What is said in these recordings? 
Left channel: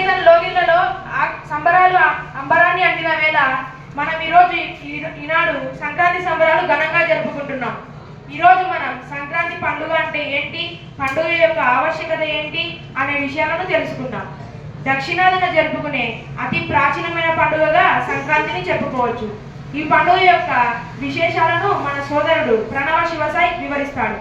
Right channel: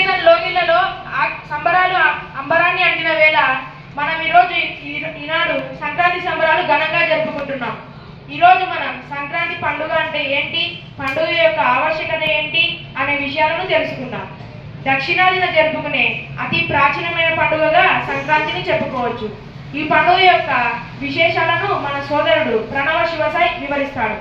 విజయనగరం లోగిళ్లలో సంబరాలు అంబరాన్ని అంటిన వేళ మనం ఈనాడు సంక్రాంతి సంబరాలు ఘనంగా జరుపుకుంటున్నాం. ఈరోజు మనం సంక్రాంతి పండుగ అంటే ఏంటి, పండుగ యొక్క ఆవశ్యకత ఏంటి అనే విషయాలను తెలుసుకుందాం. దక్షిణాదిన జరుపుకునే అతి ప్రాచీనమైన పండుగగా సంక్రాంతిని చెప్పుకోవచ్చు. ఈ పండుగ యొక్క విశేషాలను మన సోదరుడు ప్రణవ శివసాయి వివరిస్తాడు.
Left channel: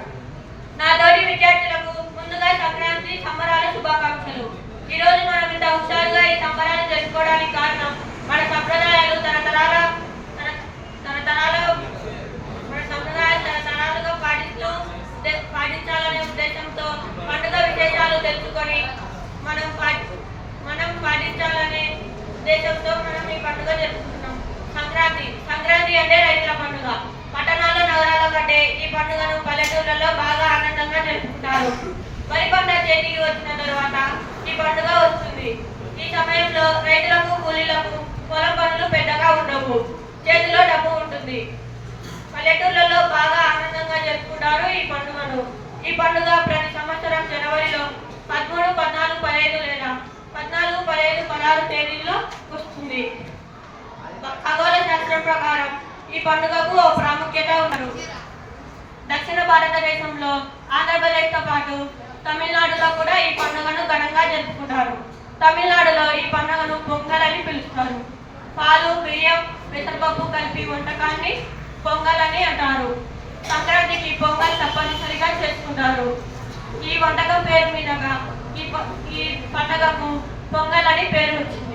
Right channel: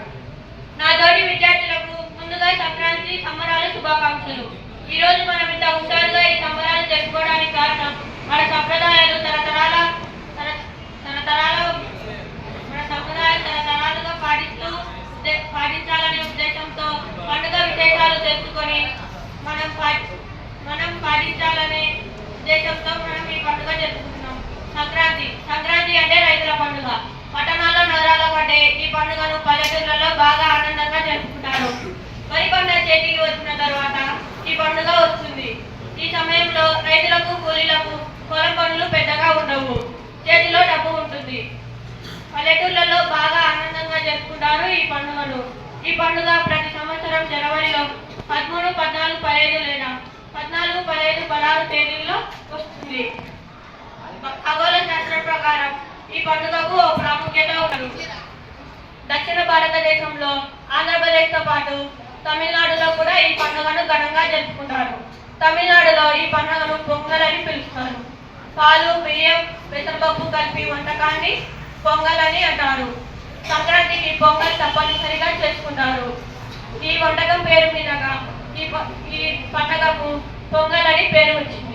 నా తోటి విద్యార్థులకు ముందుగా సంక్రాంతి సంబరాల శుభాకాంక్షలు. ఈ రోజు మనం ఇంత హుషారుగా ఈ సంబరాలు జరుపుకోవడానికి కారణం మన సంప్రదాయాలు తరతరాలుగా పాటించాలనే ఉద్దేశంతో పండుగ విశేషాలు తెలుసుకొని మనం పాటించాలనే ఉద్దేశంతో మనం ఈ పండుగ జరుపుకుంటున్నాం. సంక్రాంతి అంటే రైతుల పండుగ. పట్టణాల్లో నగరాల కంటే ఈ పండుగను పల్లెటూర్లలో బాగా ఆనందంగా జరుపుకుంటారు. వరి పంట చేతికి వచ్చిన తర్వాత ఈ పండుగ వస్తుంది. ఈ సమయంలో రైతులకు కూలీలకు పొలం పనులు పెద్దగా ఉండవు, చేతిలో డబ్బు ఉంటుంది. పల్లెటూర్లలో బాగా ఆనందంగా జరుపుకుంటారు ఈ పండుగను. ఈ పండుగ ప్రతి సంవత్సరం జనవరిలో 13, 14, 15 లేదా 14, 15, 16 తేదీల్లో వస్తుంది. ఖగోళ శాస్త్రం ప్రకారం ఈ పండుగకు ఓ ప్రాముఖ్యత ఉన్నది. దక్షిణ భారతదేశంలో ఆంధ్రప్రదేశ్తో పాటు తమిళనాడులో కూడా ఈ పండుగను ఘనంగా జరుపుకుంటారు. తమిళనాడులో ఈ పండుగను పొంగల్ అని పిలుస్తారు. పాలు, బియ్యం, పెసరపప్పు కలిపి వంటకాన్ని పొంగల్ అని అంటారు. సంక్రాంతికి పొంగల్ తప్పనిసరిగా చేసుకుంటారు. ఈ వంటకం పేరు మీదుగా ఈ పండుగకు పొంగల్ అని పేరు వచ్చింది.